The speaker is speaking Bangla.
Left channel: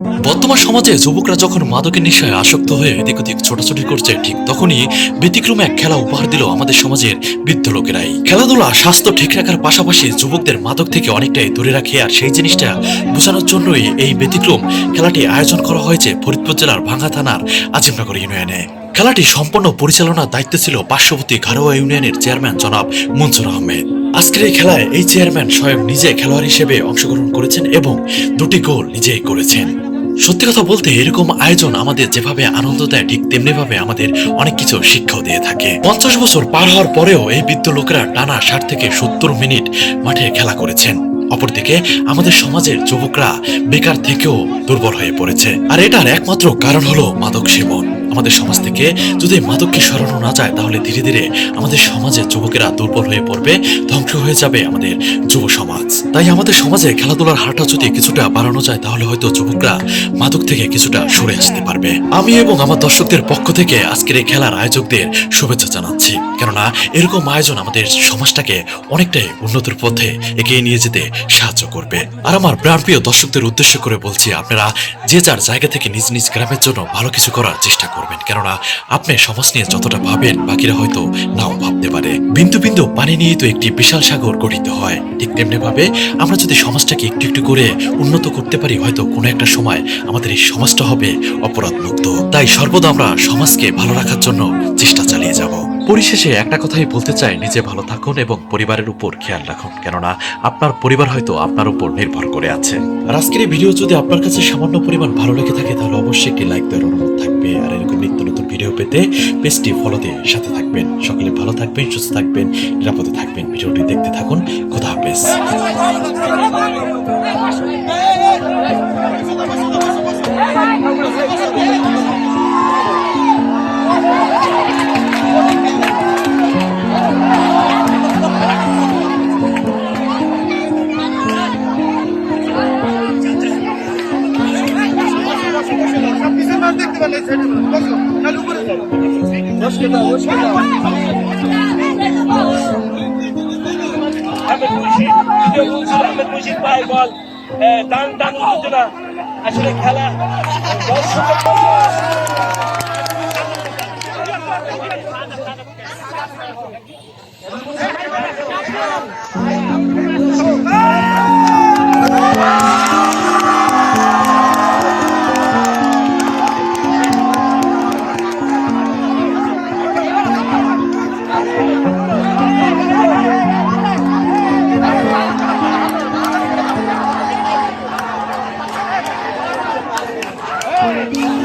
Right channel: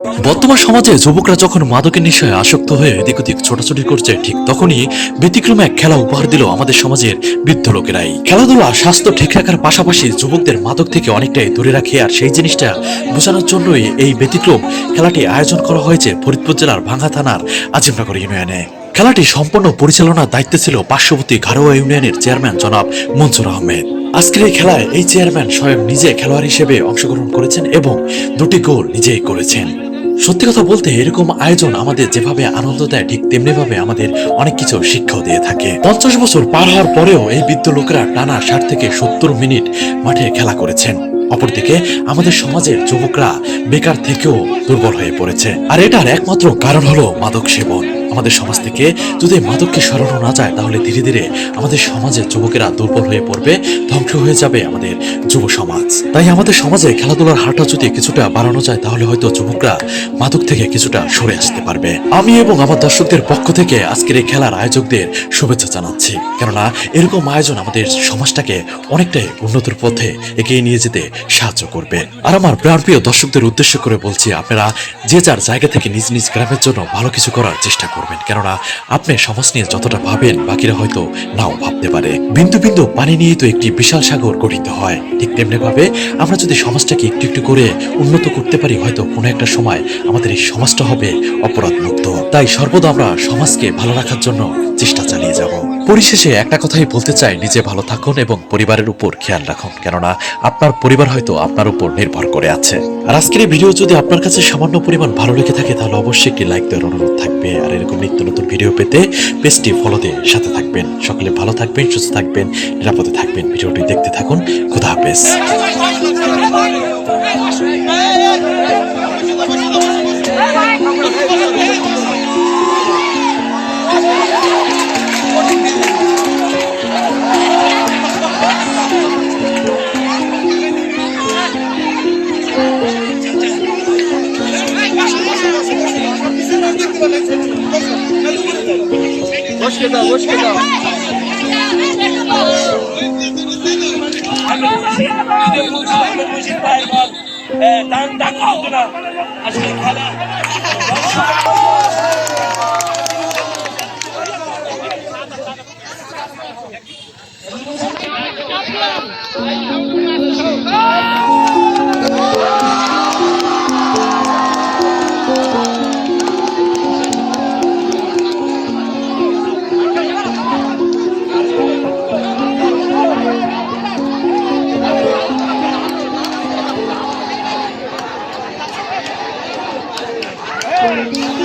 বর্তমান সমাজে যুবকরা যখন মাদকের নেশায় আসক্ত হয়ে এদিক ওদিক ছোটাছুটি করছে, ঠিক তখনই ব্যতিক্রমে এক খেলা উপহার দিল আমাদের সমাজের বৃদ্ধ লোকেরাই। খেলাধুলা স্বাস্থ্য ঠিক রাখার পাশাপাশি যুবকদের মাদক থেকে অনেকটাই দূরে রাখে আর সেই জিনিসটা বোঝানোর জন্যই এই ব্যতিক্রম খেলাটি আয়োজন করা হয়েছে ফরিদপুর জেলার ভাঙ্গা থানার আজিমনগর ইউনিয়নে। খেলাটি সম্পূর্ণ পরিচালনার দায়িত্বে ছিল পার্শ্ববর্তী ঘারোয়া ইউনিয়নের চেয়ারম্যান জনাব মনসুর আহমেদ। আজকের এই খেলায় এই চেয়ারম্যান স্বয়ং নিজে খেলোয়াড় হিসেবে অংশগ্রহণ করেছেন এবং দুটি গোল নিজেই করেছেন। সত্যি কথা বলতে এরকম আয়োজন আমাদের যেভাবে আনন্দ দেয়, ঠিক তেমনি ভাবে আমাদের অনেক কিছু শিক্ষাও দিয়ে থাকে। পঞ্চাশ বছর পার হওয়ার পরেও এই বৃদ্ধ লোকেরা টানা ষাট থেকে সত্তর মিনিট মাঠে খেলা করেছেন। অপরদিকে আমাদের সমাজের যুবকরা বেকার থেকেও দুর্বল হয়ে পড়েছে। আর এটার একমাত্র কারণ হলো মাদক সেবন। আমাদের সমাজ থেকে যদি মাদককে সরানো না যায়, তাহলে ধীরে ধীরে আমাদের সমাজের যুবকেরা দুর্বল হয়ে পড়বে, ধ্বংস হয়ে যাবে আমাদের যুব সমাজ। তাই আমাদের সমাজে খেলাধুলার হারটা যদি কিছুটা বাড়ানো যায়, তাহলে হয়তো যুবকরা মাদক থেকে কিছুটা সরে আসতে পারবে। আমি এবং আমার দর্শকদের পক্ষ থেকে আজকের এই খেলার আয়োজকদের শুভেচ্ছা জানাচ্ছি। কেননা এরকম আয়োজন আমাদের সমাজটাকে অনেকটাই উন্নতির পথে এগিয়ে নিয়ে যেতে সাহায্য করবে। আর আমার প্রাণপ্রিয় দর্শকদের উদ্দেশ্য করে বলছি, আপনারা যে যার জায়গা থেকে নিজ নিজ গ্রামের জন্য ভালো কিছু করার চেষ্টা করবেন কেননা আপনি সমাজ নিয়ে যতটা ভাবেন বাকিরা হয়তো নাও ভাবতে পারে। বিন্দু বিন্দু পানি নিয়ে তো একটি বিশাল সাগর গঠিত হয়। ঠিক তেমনি ভাবে আমরা যদি সমাজটাকে একটু একটু করে উন্নত করতে পারি, হয়তো কোনো একটা সময় আমাদের এই সমাজটা হবে অপরাধ মুক্ত তাই সর্বদা আমরা সমাজকে ভালো রাখার জন্য চেষ্টা চালিয়ে যাব। পরিশেষে একটা কথাই বলতে চাই, নিজে ভালো থাকুন এবং পরিবারের উপর খেয়াল রাখুন। কেননা আপনার পরিবার হয়তো আপনার উপর নির্ভর করে আছে। আর আজকের এই ভিডিও যদি আপনার কাছে সামান্য পরিমাণ ভালো লেগে থাকে, তাহলে অবশ্যই একটি লাইক দেওয়ার অনুরোধ থাকবে। আর এরকম নিত্য নতুন ভিডিও পেতে পেজটি ফলো দিয়ে সাথে থাকবেন। সকলে ভালো থাকবেন, সুস্থ থাকবেন, নিরাপদে থাকবেন। ভিডিওটি দেখতে থাকুন। খুদা হাফেজ। দান দান আজকে খেলা Ei!